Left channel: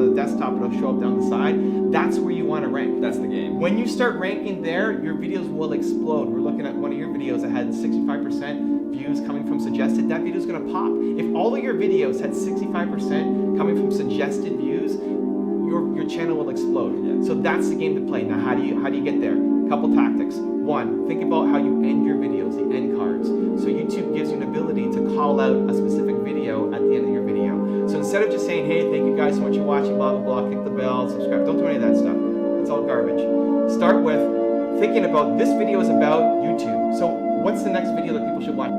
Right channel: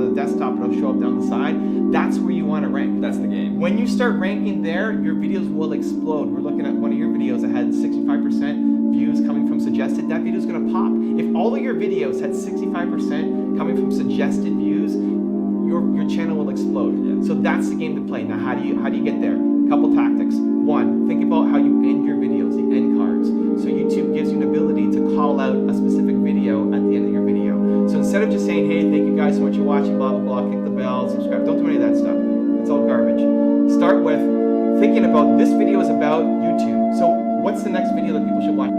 on the desktop, it'll show up down the side. That's where you want to rank. That's the game. When you start ranking there, your videos will explode. We're looking at one of your videos that had 65% views coming from suggested. That video is going to pop. If all of your videos had 65% coming from suggested views, your channel will explode. Yeah. So that's the game to play. Now, how do you get there? Couple tactics. One, think about how you end your videos, the end cards. So YouTube gives you an ability to call out a specific video at the end of your video. So instead of just saying, hey, thank you guys so much for watching, blah, blah, blah, click the bell, subscribe. Don't do any of that stuff. It's all garbage. Start with thinking about this video is about YouTube. So what's the next video that people should watch?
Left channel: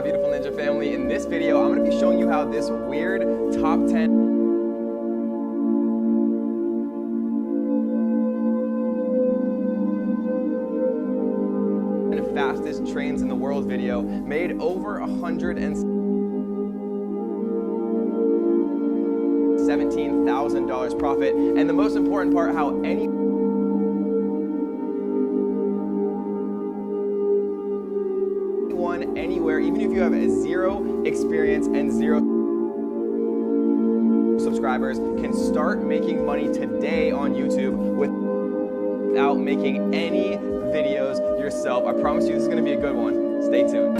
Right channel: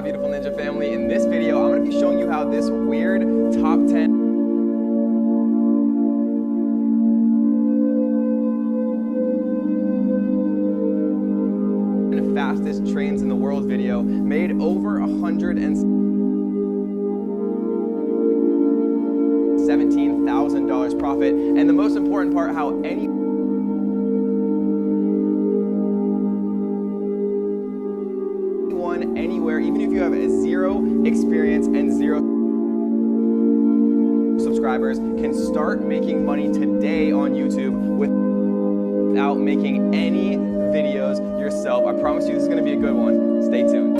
my beautiful ninja family? In this video, I'm going to be showing you how this weird top 10 fastest trains in the world video made over $117,000 profit. And the most important part, how anyone, anywhere, even if you have zero experience and zero subscribers, can start making money today on YouTube without making any videos yourself. I promise you this is going to be a good one. Stay tuned.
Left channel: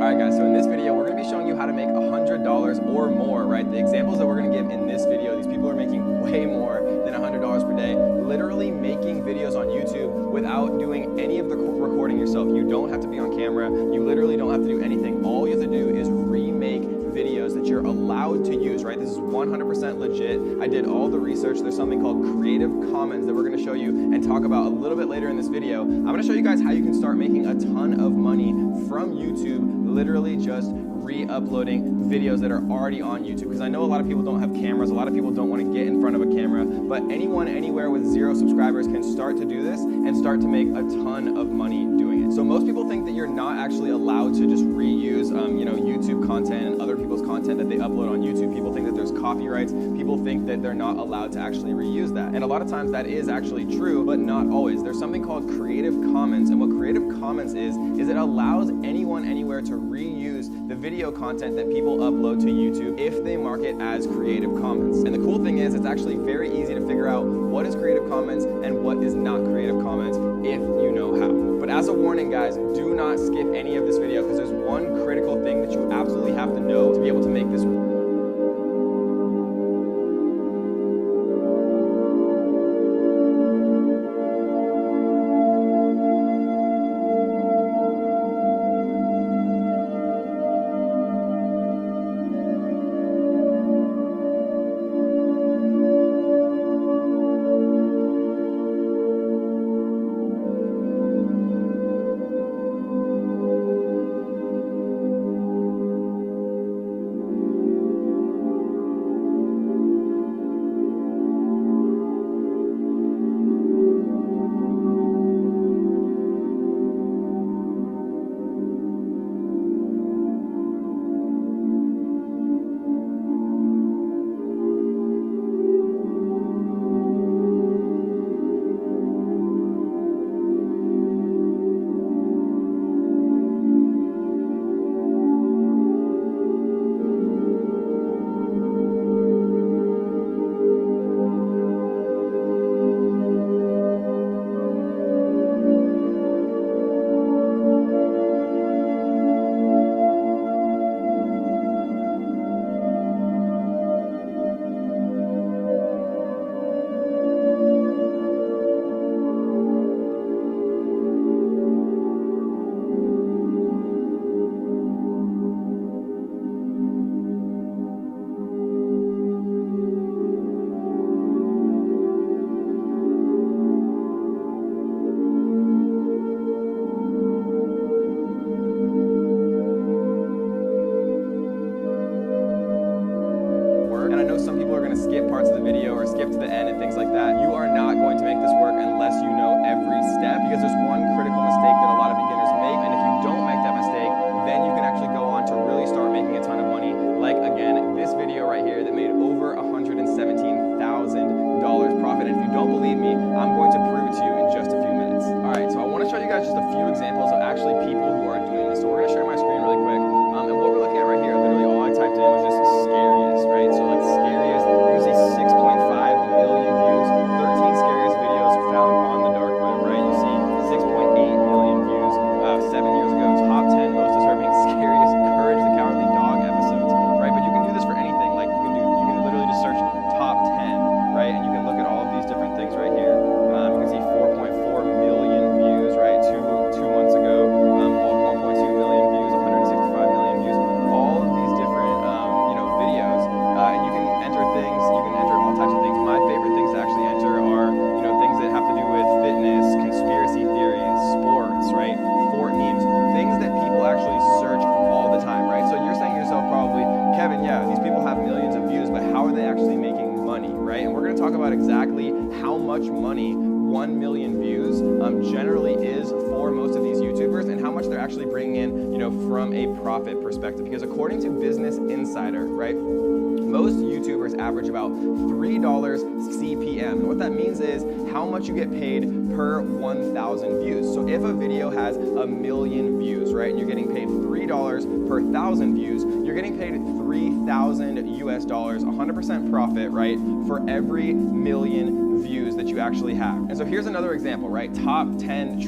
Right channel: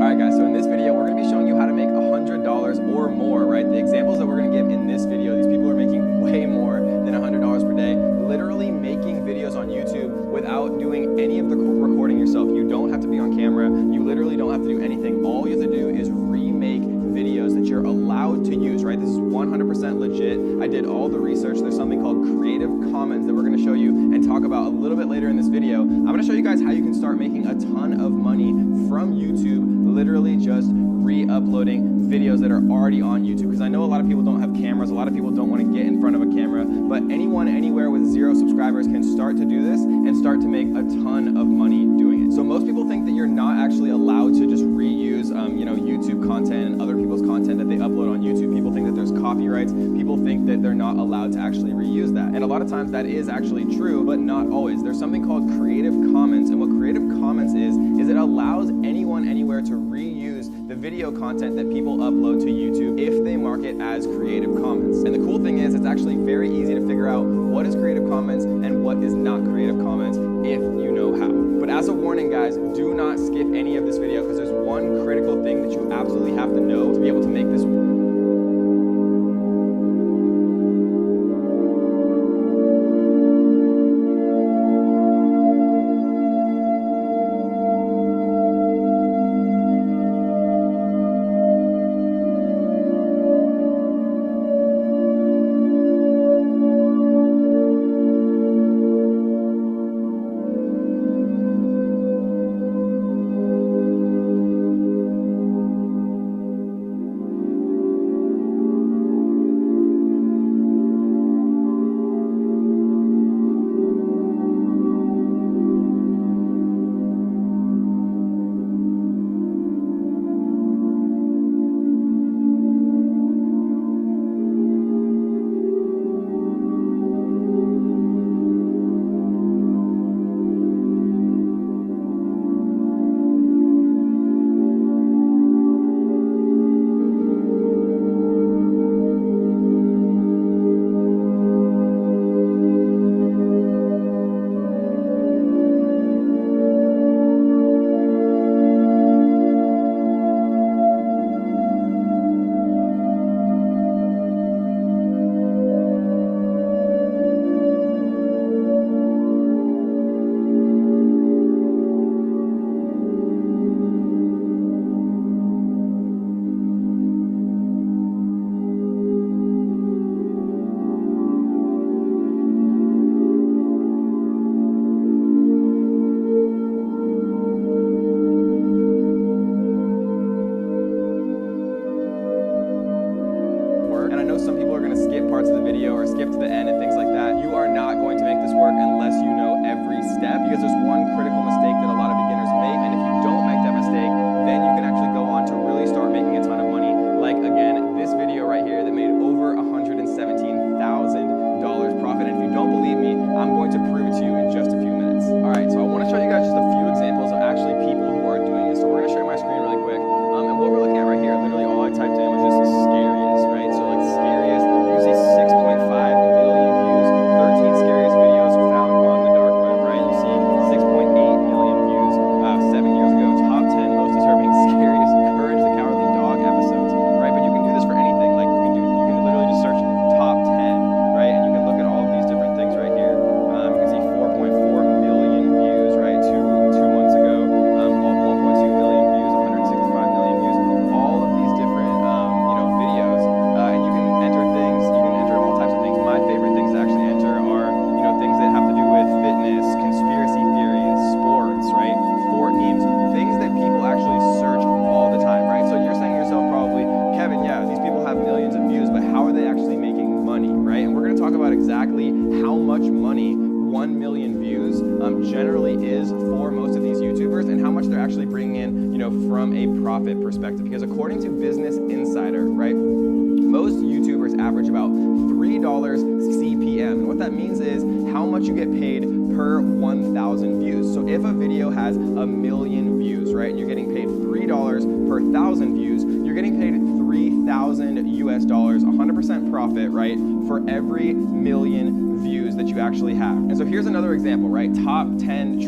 Alright guys, so in this video we're going to be showing you how to make $100 or more, right? The examples that we're going to give in this video, these people are making way more than $100 per day, literally making videos on YouTube without doing any of the recording yourself. You don't have to be on camera, you literally don't have to do anything. All you have to do is remake videos that you're allowed to use, right? This is 100% legit. I did all the research. There's something called Creative Commons that we're going to show you and talk about a little bit later in this video. I'm going to show you guys how you can start making a ton of money from YouTube, literally just re-uploading videos that are already on YouTube. Because I know a lot of people don't have cameras, a lot of people don't want to get in front of a camera, but anyone, anywhere with 0 subscribers can start to do this and start to make a ton of money doing it. So most people think that you're not actually allowed to just reuse YouTube content and other people's content that they upload on YouTube. People think that there's copyrights. People think that they're not allowed to actually reuse that. And a lot of times that is actually true, but not always. There's something called Creative Commons, and what Creative Commons is it allows anyone, anywhere to reuse the video content that people upload to YouTube if they mark it as Creative Commons. And the cool thing is it's actually very easy to figure out what is Creative Commons and what is not Creative Commons if you know how. But as a warning guys, do not skip any of this video because there's one critical thing that you absolutely have to know to be able to make this work. And I know some people are going to skip parts of the video or skip to the end and things like that. You are not going to make this work unless you know every step, because there's one critical mistake that a lot of beginners make, and if you don't make that mistake, then you can actually go on to really start making a ton of money. Like again, this video right here that made over $117,000 profit. And if you don't believe me, I'm going to prove it to you in just a few minutes. All right, so I want to show you guys just a few examples of actually people who are doing this. So we're going to share my screen really quick. And what we're looking at right here, literally all I typed in was just scariest, right? So like scariest, you can see 6.5 million views, 13 scariest videos found on the dark web, right? You see 6.8 million views 7 years ago, top 10 most disturbing, scariest Courage the Cowardly Dog episodes, right? But you can do this for anything. Like you can literally just search top 10, right? And you can look at all of these different things right here. You can see 4.4 million views, right? Two months ago, 1.2 million views, 165 million views. All of these different going to talk about exactly how much money 1 million views generally is for most of these YouTubers and how much they're actually bringing in, from a profit perspective. Because according to Business Insider, right, most YouTubers average about $3 CPM. And what that means is how much you get paid per 1,000 views. So if a video has 1 million views, right, and you're getting paid $3 per 1,000 views, you're getting paid $3,000 US, 100% profit, right, for every million views that you actually have. And so here's another example, right? Top 10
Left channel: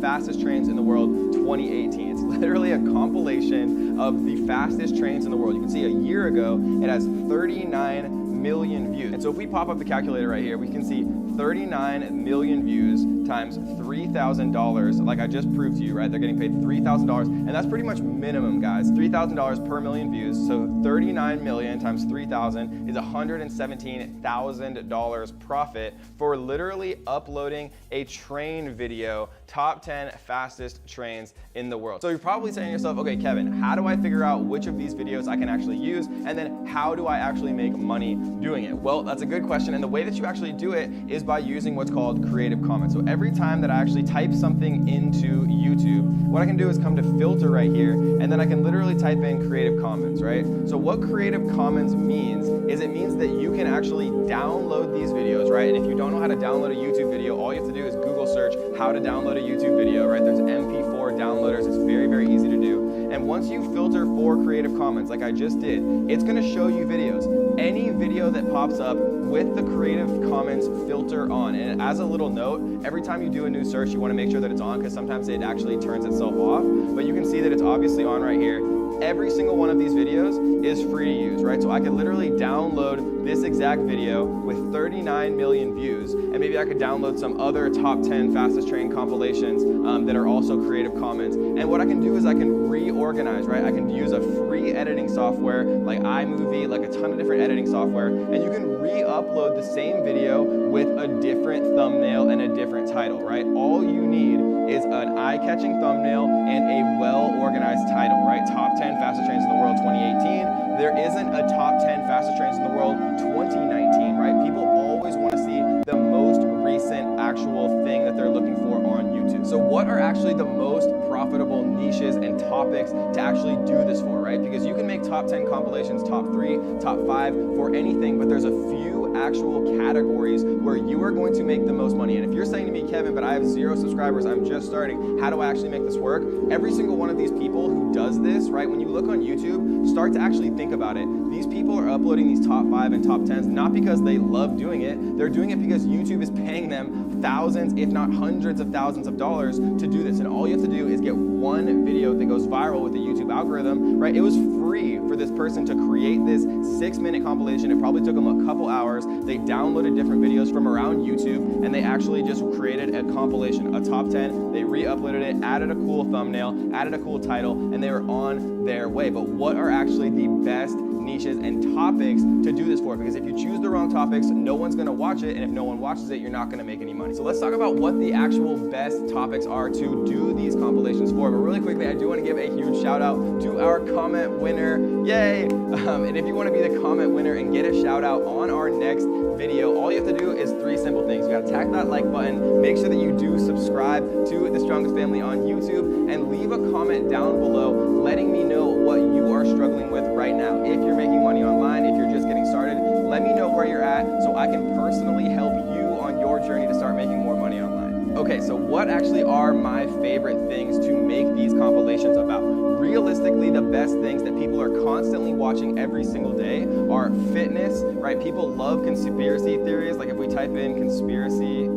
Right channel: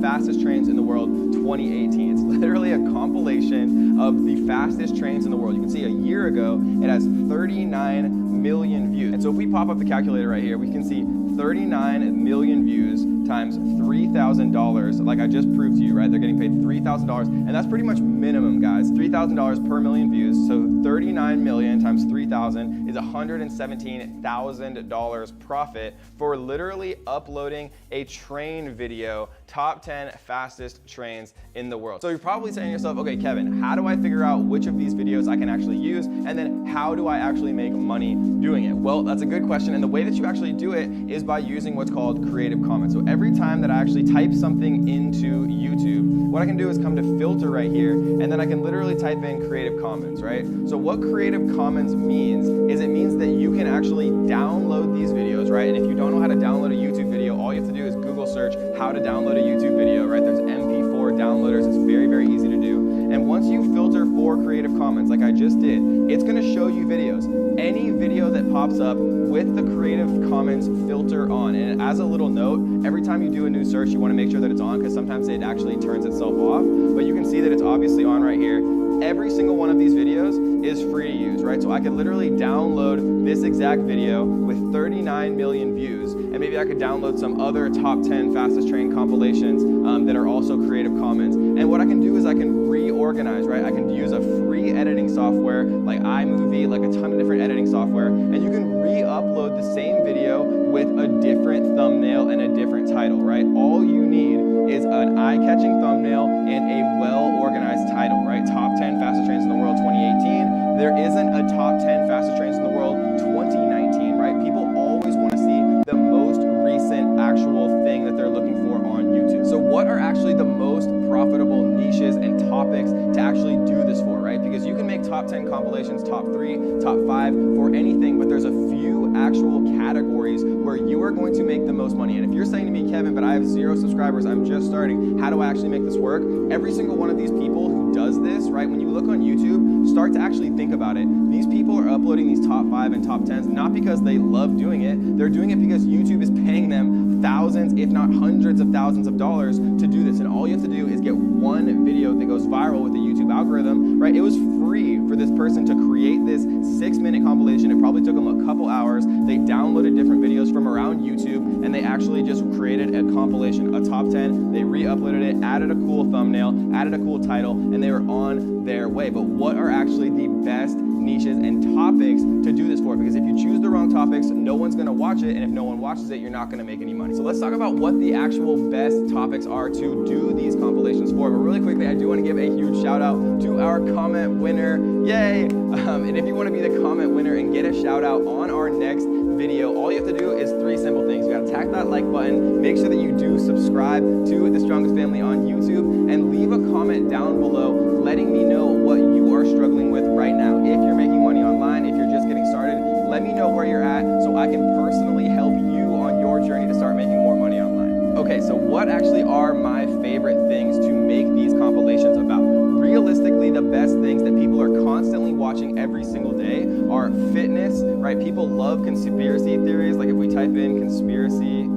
fastest trains in the world 2018. It's literally a compilation of the fastest trains in the world. You can see a year ago, it has 39 million views. And so if we pop up the calculator right here, we can see 39 million views times $3,000, like I just proved to you, right? They're getting paid $3,000, and that's pretty much minimum, guys. $3,000 per million views, so 39 million times 3,000 is $117,000 profit for literally uploading a train video, top 10 fastest trains in the world. So you're probably saying to yourself, okay, Kevin, how do I figure out which of these videos I can actually use, and then how do I actually make money doing it? Well, that's a good question, and the way that you actually do it is by using what's called Creative Commons. So every time that I actually type something into YouTube, what I can do is come to filter right here, and then I can literally type in Creative Commons, right? So what Creative Commons means is it means that you can actually download these videos, right? And if you don't know how to download a YouTube video, all you have to do is Google search how to download a YouTube video, right? There's MP4 downloaders. It's very, very easy to do. And once you filter for Creative Commons, like I just did, it's gonna show you videos. Any video that pops up with the Creative Commons filter on. And as a little note, every time you do a new search, you want to make sure that it's on because sometimes it actually turns itself off. But you can see that it's obviously on right here. Every single one of these videos is free to use, right? So I could literally download this exact video with 39 million views, and maybe I could download some other top 10 fastest train compilations that are also Creative Commons. And what I can do is I can reorganize, right? I can use a free editing software like iMovie, like a ton of different editing software, and you can re-upload the same video with a different thumbnail and a different title, right? All you need is an eye-catching thumbnail and a well-organized title, right? Top 10 fastest trains in the world 2018. There isn't a top 10 fastest trains in the world 2019, right? People always want to see the most recent actual thing that they're looking for on YouTube. So what are actually the most profitable niches and topics to actually do this for, right? Because you can make top 10 compilations, top 3, top 5 for anything, but there's a few actual categories where you are going to make the most money. And if you're saying to me, Kevin, but I have 0 subscribers, I'm just starting, how do I actually make this work? Every single one of these people who does this, right, when you look on YouTube, start to actually think about it. These people are uploading these top 5 and top 10s not because they love doing it, they're doing it because YouTube is paying them thousands, if not hundreds of thousands of dollars to do this. And all you have to do is get one video that goes viral with the YouTube algorithm, right? It was free for this person to create this 6-minute compilation. It probably took them a couple hours. They downloaded different videos from around YouTube, and they actually just created a compilation, a top 10. They re-uploaded it, added a cool thumbnail, added a cool title, and they were on their way. But what are actually the best niches and topics to do this for? Because if you choose the wrong topics, no one's gonna watch it, and if no one watches it, you're not gonna make any money. So let's talk about what the actual best topics are to do these compilations for. But really quickly, I do wanna give a huge shout out to our comment winner. Yay! And if you wanna be the comment winner and get a shout out on our next video, all you have to do is 3 simple things. You gotta tap that like button, make sure that you do subscribe to The Strongest Family on YouTube, and leave a comment down below letting me know what you are struggling with right now. If you're making money online, if you're just getting started, let me know where you're at so I can personally help you on your journey to start making more money online. Okay, so what actually are my favorite things to make these compilations about? Realistically, the best things that people are constantly watching every single day are fitness, right? People love conspiracy theories. Like if we type in conspiracy,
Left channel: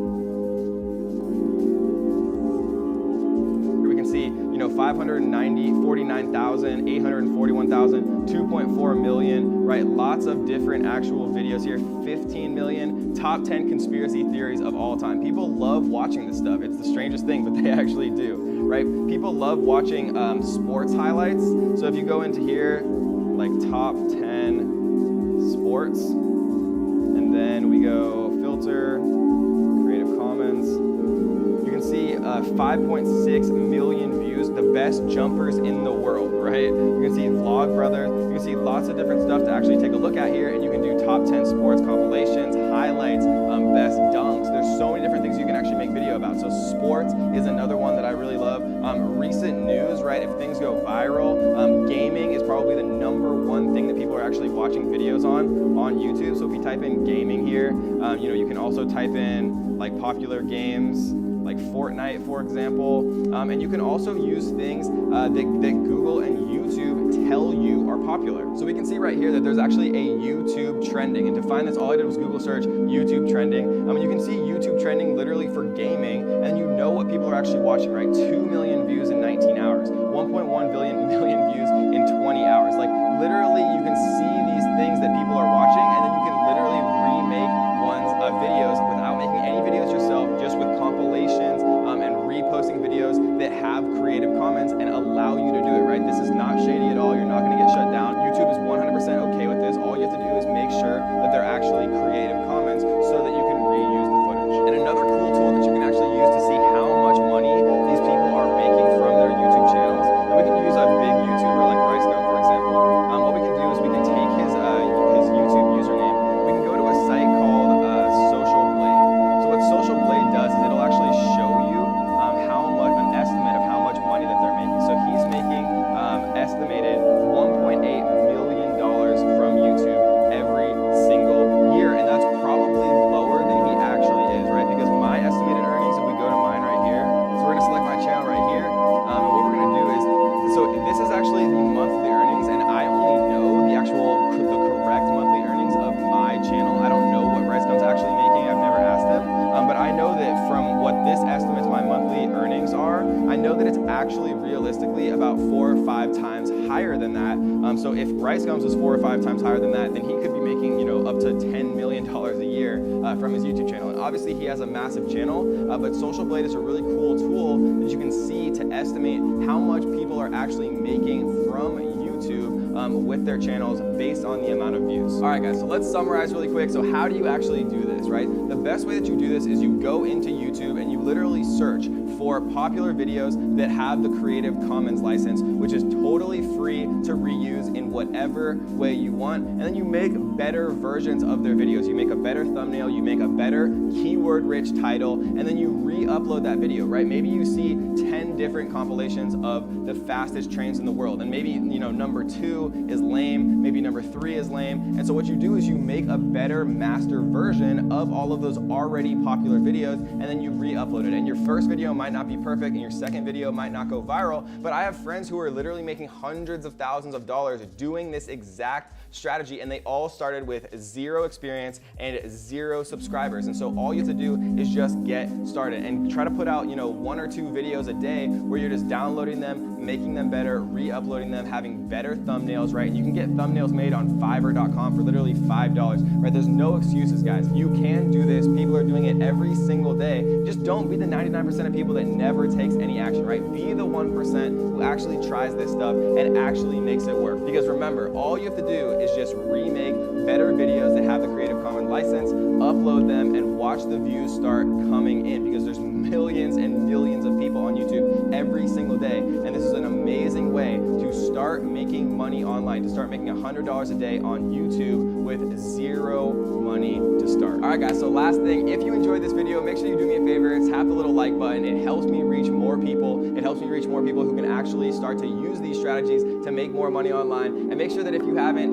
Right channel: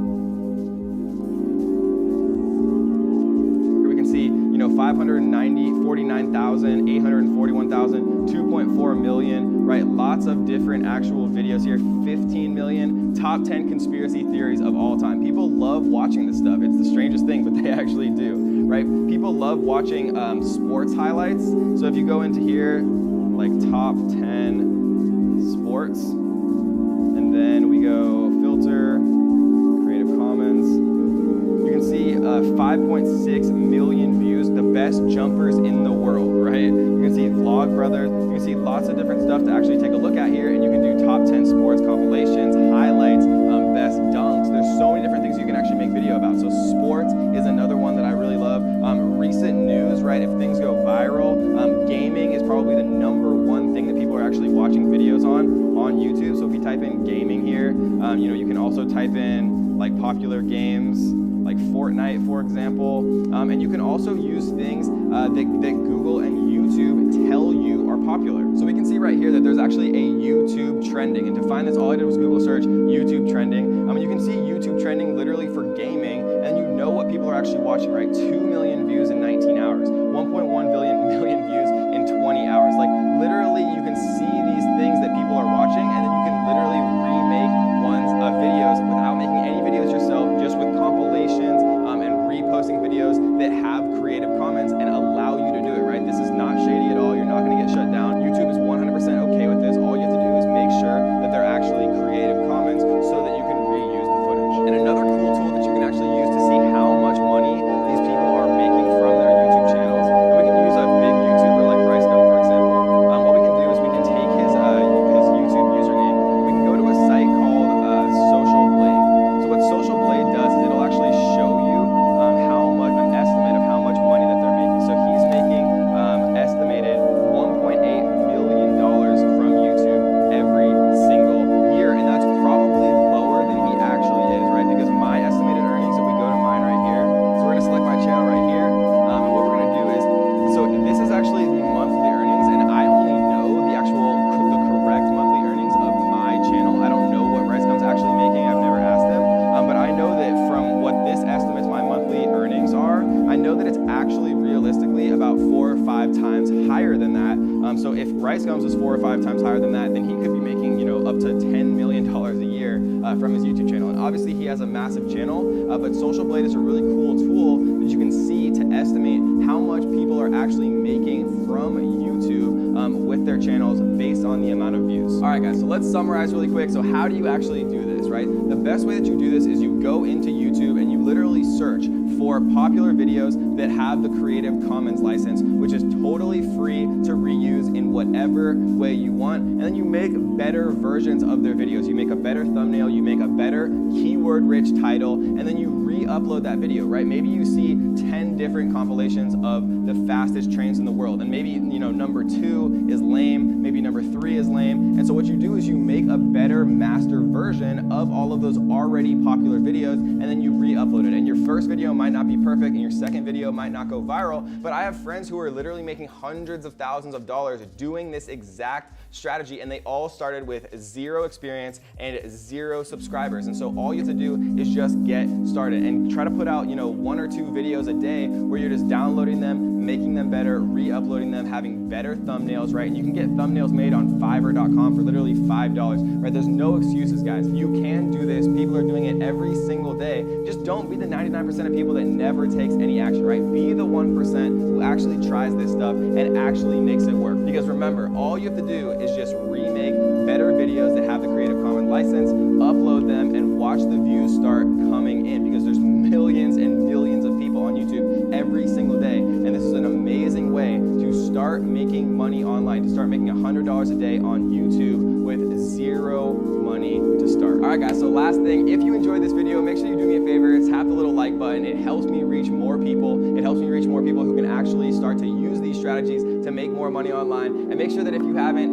we can see, 549,000, 841,000, 2.4 million, right? Lots of different actual videos here, 15 million, top 10 conspiracy theories of all time. People love watching this stuff. It's the strangest thing, but they actually do, right? People love watching sports highlights. So if you go into here, like top 10 sports, and then we go filter, Creative Commons, you can see 5.6 million views, the best jumpers in the world, right? You can see Vlog Brothers, you can see lots of different stuff to actually take a look at here, and you can do top 10 sports compilations, highlights, best dunks. There's so many different things you can actually make video about. So sports is another one that I really love. Recent news, right? If things go viral, gaming is probably the #1 thing that people are actually watching videos on YouTube. So if you type in gaming here, you can also type in like popular games, like Fortnite, for example. And you can also use things that Google and YouTube tell you are popular. So we can see right here that there's actually a YouTube trending. And to find this, all I did was Google search YouTube trending. You can see YouTube trending literally for gaming, and you know what people are actually watching, right? 2 million views in 19 hours, 1.1 million views in 20 hours. Like literally you can see these things that people are watching, and then you can literally remake ones of videos without making any videos yourself, just with compilations and reposting videos that have creative comments and allow you to do it, right? This is not shady at all. You're not going to get shut down. YouTube is 100% okay with this. All you have to do is make sure that they're actually creative comments so that you can reuse the footage. And another cool tool that you can actually use to see how much money these people are making from their YouTube channels, and we can use a big YouTuber like Bryce, for example. What we can do is we can take his YouTube username. We can go to a site called Social Blade. So what Social Blade does is it'll actually show you an estimate of how much money that they're making. So he's making estimated $1.8 million from YouTube every single year, and that's probably lower than he actually is, right? Because my estimated earnings, if we go to mine right here, so we're gonna select my channel right here, and what we're gonna do is, so this is actually the monthly earnings, and I only know the correct monthly earnings of my channel. I don't know what Ricegum's actually making. I've never asked him, but I know that from what this estimates my monthly earnings are, I know that it's actually realistically about 4 or 5 times higher than that. So if Ricegum's was 4 or 5 times higher than that, then he could be making, up to $10 million a year from his YouTube channel. And obviously he has a massive channel, but Social Blade is a really cool tool that you can see to estimate how much people are actually making from YouTube with their channels based on the amount of views. All right, guys, so let's summarize really quick. So how do you actually do this, right? The best way that you do this is you go into YouTube and you literally search for popular videos that have the Creative Commons license, which is totally free to reuse in whatever way you want. And then you make better versions of their videos. You make a better thumbnail, you make a better keyword-rich title, and then you re-upload that video, right? Maybe you see 10 different compilations of the fastest trains in the world, and maybe, number 2 is lame, maybe number 3 is lame. And so what you do is you make a better master version of all of those already popular videos, and then you re-upload it. And your first video might not be perfect, and your second video might not go viral, but I have friends who are literally making hundreds of thousands of dollars doing this exact strategy, and they all started with 0 experience and 0 subscribers. And so all you have to do is just get started and try to put out, 1 or 2 videos a day where you're just downloading them, making them better, re-uploading them, having better thumbnails, right? And you can get thumbnails made on Fiverr.com for literally $5, right? There's no excuses, guys. You can do this. People are doing it every single day. Just don't be the 99% of people that never takes any action, right? Be the 1% who actually tries this stuff and actually makes it work. Because remember, all you have to do is just remake better videos that have the Creative Commons license, upload them, and watch the views start coming in, because there's millions and millions of people on YouTube every single day, and this is an amazing way to start making money online, to start making $100 a day on YouTube with 0 money to start. All right, guys, so last thing, if you enjoyed this video, make sure you do me a favor, tap the little like button. It helps me reach more people. It helps me reach more people who can actually start to use these strategies to make more money online. And make sure that if you haven't,